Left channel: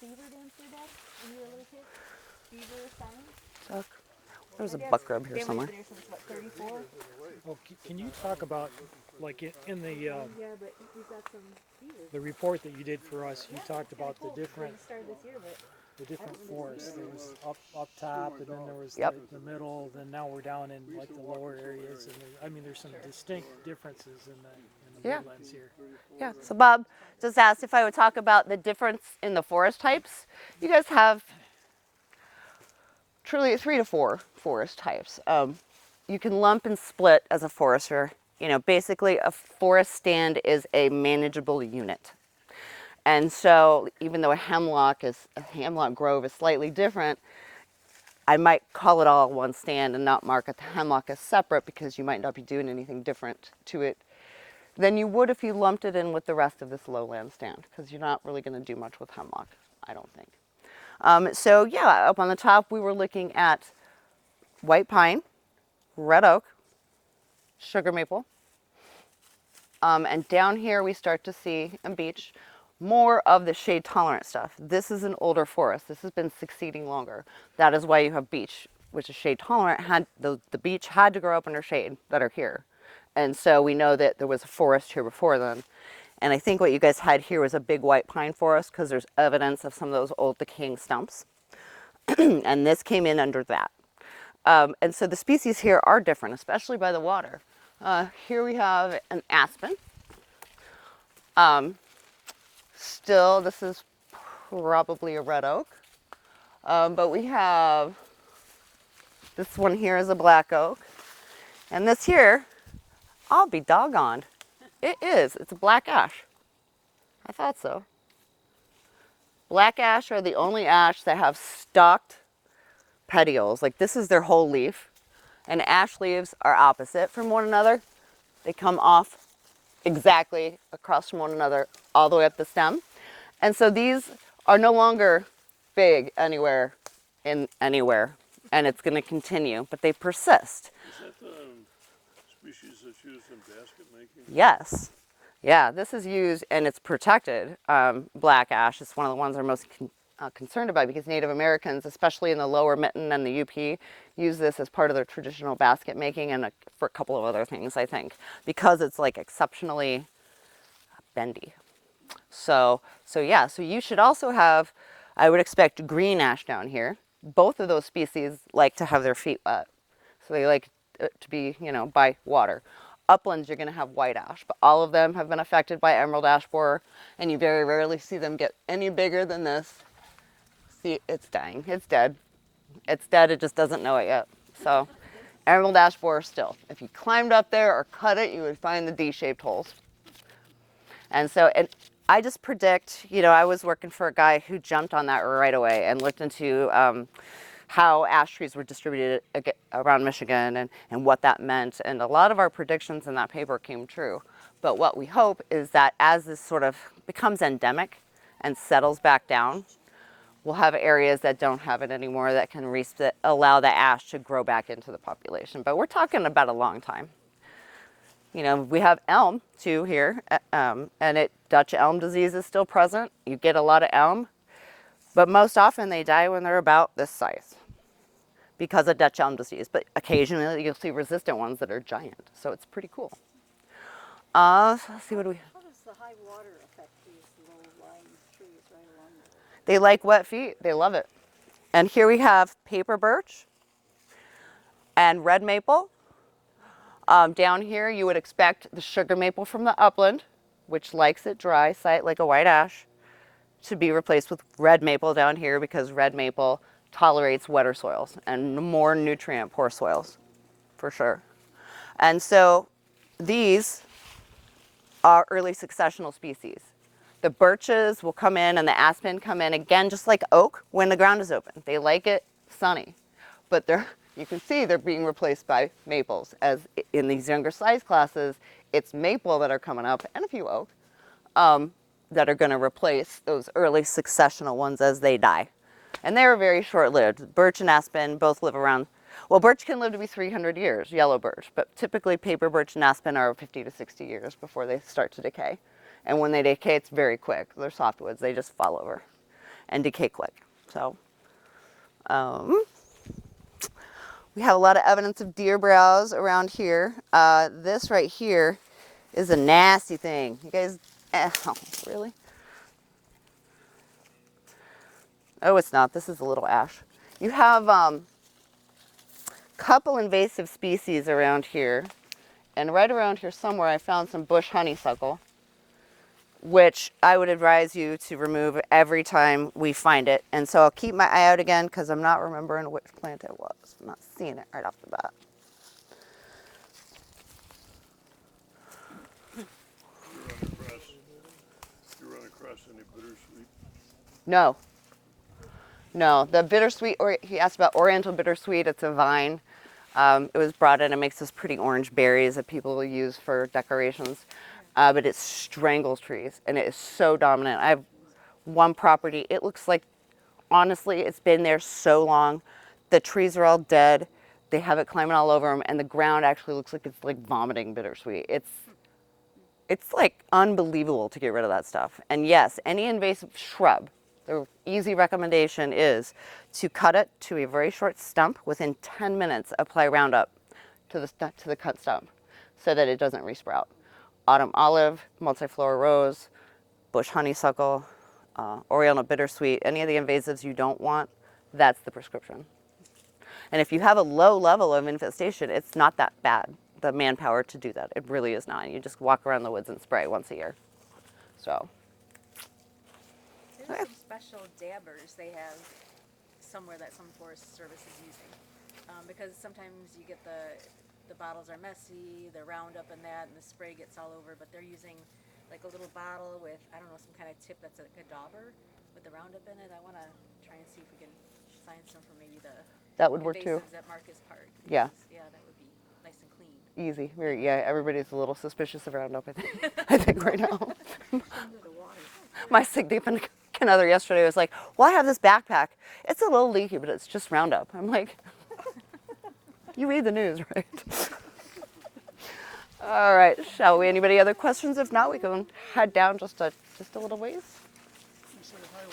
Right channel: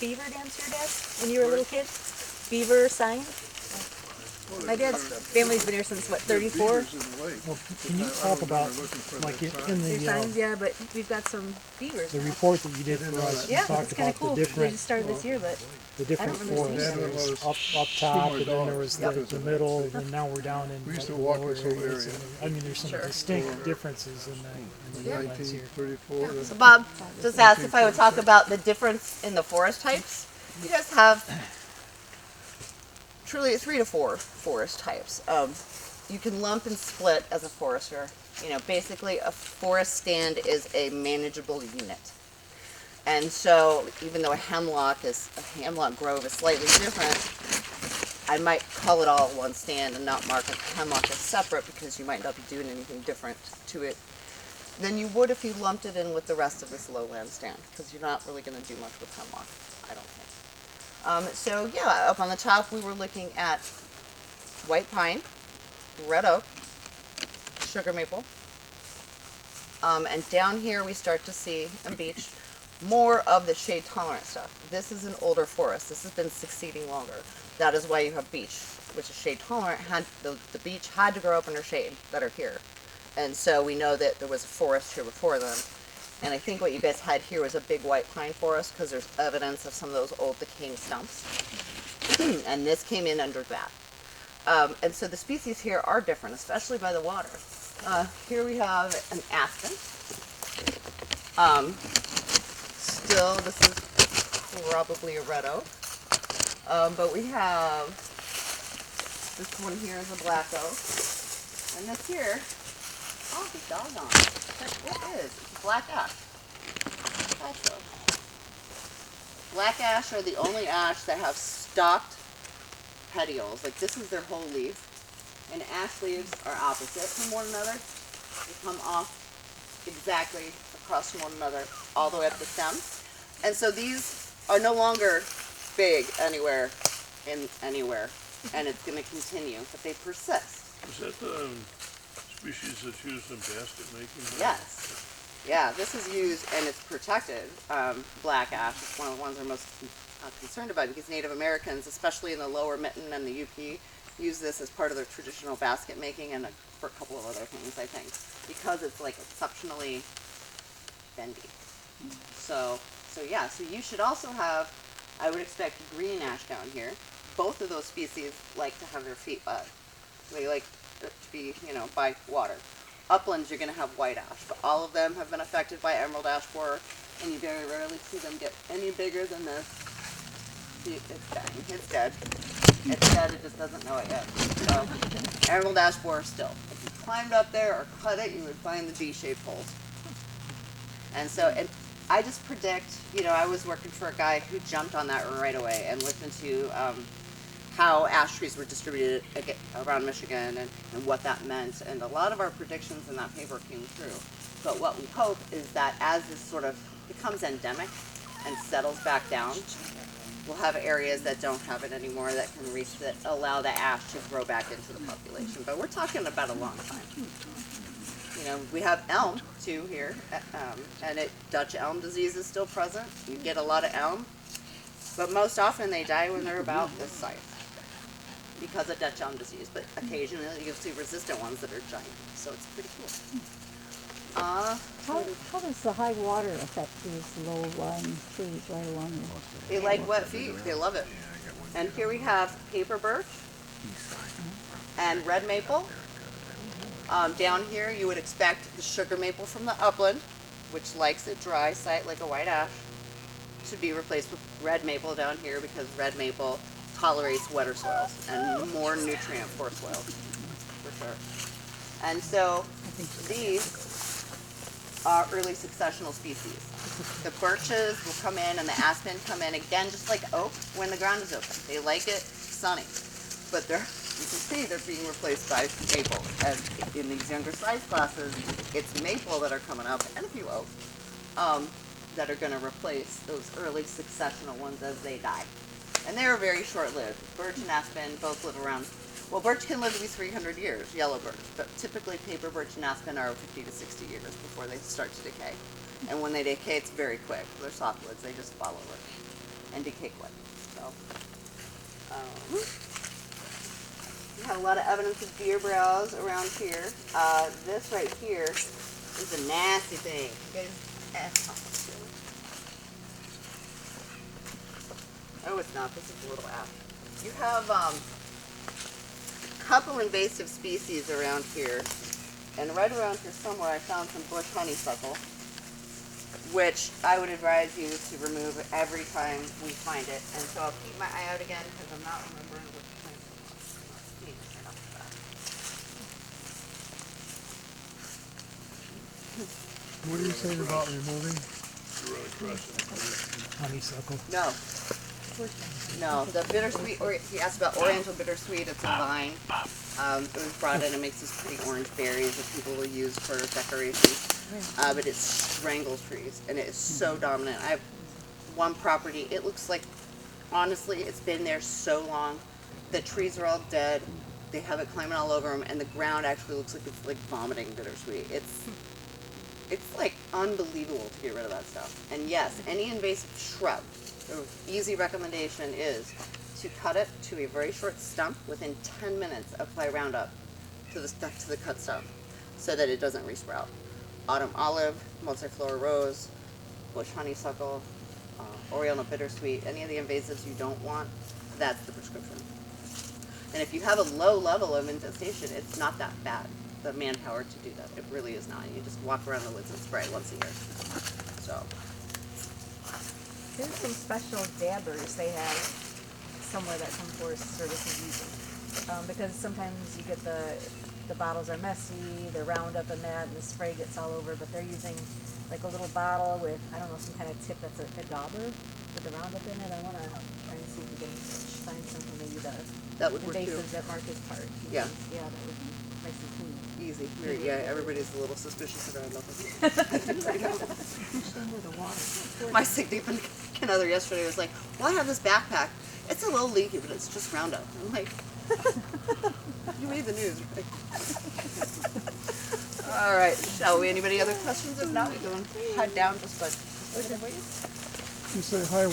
beaver dams here, Dad, when you were a little kid? Beaver sign? My dad's family's been here since, what, 34? Well, can you talk about, like, in Their the signs, yeah, but we've got some beavers. the report that you did for us, you Yeah, talked it's kind about of cool. the They different just started this year, but forests. There was up top, and then there was the middle, and now we're down in like, the lower areas. And, I mean, there's some distinct differences in the wetlands here. Yeah. So Bob just asked if I would talk about the difference in the forest types. You guys have truly 3 to 4 forest types. You can lump and split as a forester. You know, basically a forest stand is a manageable unit. And so even though a hemlock grove is slightly different, I might call it all one stand and not mark a hemlock as separate because you might not be doing anything different to it than you would if you lumped it in with the rest of this lowland stand, because you're not really going to do much with hemlock, I don't think. So yeah, up on the top we were looking at white pine, red oak, sugar maple, and down here we start to see in beech more of the shade tolerant stuff. This is an older forest. This has been succeeding longer. That is why you have beech, which is shade tolerant. The beech had to grow up under shade that are here. And so we know that there was a forest here before them. And I think what you guys had here was a big white pine forest because there's evidence of some of those old decaying stumps. And this came in under that. And so the species here are different, especially by the water. Here we have an aspen. Still, this is probably a red oak. But we have, this one here is a black oak. And this here, I'll be doggone. It is. It's a black ash. I thought so. Black ash are the only ash that have stalked petioles. Like this is their whole leaf. And ash leaves are opposite from one another. They come off exactly across from one another all the way up the stem. And so these are no longer big anywhere in anywhere. And it's going to continue, but they persist. Is that the species that's used in basket making? Yes. Yeah, this is used and it's protected. Black ash is one of the ones I'm most concerned about because Native Americans, especially in the lower Mitten and the UP, use this as part of their traditional basket making and for a couple of other things, I think, because it's like exceptionally bendy. So yeah, so you should also have, I would expect green ash down here. Both of those species like to have their feet wet. So they like to be, by water. Uplands, you're going to have white ash, but all of them have been affected by emerald ash borer, and you very rarely see them get any bigger than this. See, it's dying. It's dead. It's dead. It just doesn't know it yet. So, emerald ash borer still. If you climbed up there or cut it, you would find the D-shaped holes. And so, I just predict, I was working for a guy who jumped on that right away and looked into how ash trees were distributed around Michigan and what that meant. And a lot of our predictions in that paper came true. But what we hope is that as this sort of becomes endemic and settles back down, we'll have areas that don't have it anymore that can allow the ash to grow back into the population. But we're talking about a long time. We have elm too here, and Dutch elm disease is still present. You get a lot of elm, but most often they die when they're about this size because of Dutch elm disease. But occasionally you'll see resistant ones that are giant, so it's pretty cool. How does the high water affect these low-lying trees right along the They like wet feet. They love it. And here we have paper birch and red maple. Down here you would expect the sugar maple from the upland, which likes it dry site like a white ash, to be replaced with red maple down here because red maple tolerates wetter soils and more nutrient poor soils, for sure. And so these are early successional species. The birches will come in and the aspen come in again, just like oak when the ground is open. They like it sunny, but you can see they're being replaced by maple. As in these younger size classes, it's maple that are coming up and a few oak that are going to replace those early successional ones as they die. And they're very short-lived. Birch and aspen both live around, birch can live to be 300 years, yellow birch, but typically paper birch and aspen are 50 to 60 years before they start to decay. And when they decay, it's very quick. They're softwoods, they just fall over. and decay quick. So we have a lot of evidence of deer browse around here. This right here is a nasty thing. You guys, oh, really? Oh, it's not. This is a little ash. You have couple invasive species around here, and right around here somewhere I found some bush honeysuckle, which I would advise you to remove every time we find it. And so I'll keep my eye out again because I'm not remembering which plant it was. I'm not seeing it right off the bat. What are you saying about removing? Honeysuckle. No. No, the bittersweet, or he asked about oriental bittersweet, it's a vine. It was brought in, it makes those pretty orange berries that people will use for decorations. But it strangles trees, and it is so dominant. I have one property, it looks like, honestly, it's been there so long. The trees are all dead, they have it climbing all over them, and the ground actually looks like it's like vomiting bittersweet. It's like unbelievable to get rid of that stuff. And yes, any invasive shrub, the easy recommendation is to cut it to a very short stump. Within 10 minutes, apply Roundup to the cut stump so that it doesn't resprout. Autumn olive, multiflora rose, bush honeysuckle, oriental bittersweet, any of the invasives you don't want, that's the prescription. And if you have a low level of infestation, it's not that bad, the manpower to do that. It really is not. You just walk around the woods and spray once a year. So. There's some special dabbers they have somewhere that some Forest Service is using. Because sometimes you get the bottles are messy, they're Roundup and that, and the spray gets all over, but they're using like a little bottle with, I don't know, some kind of tip that's a dauber with the Roundup in it. I want to try and see if we can find something maybe That would work too. invasives that Mark is part. Yeah. Yeah, that would be nice and clean. Easy. Yeah, everybody's a little suspicious of Roundup, I think right now. My significant other yesterday was like, well, I have this backpack. It's a little leaky, but it's just Roundup. I'm like, you read the news, right? All right, shall we? Anybody other questions? If not, we can head down just a little ways. You say hi.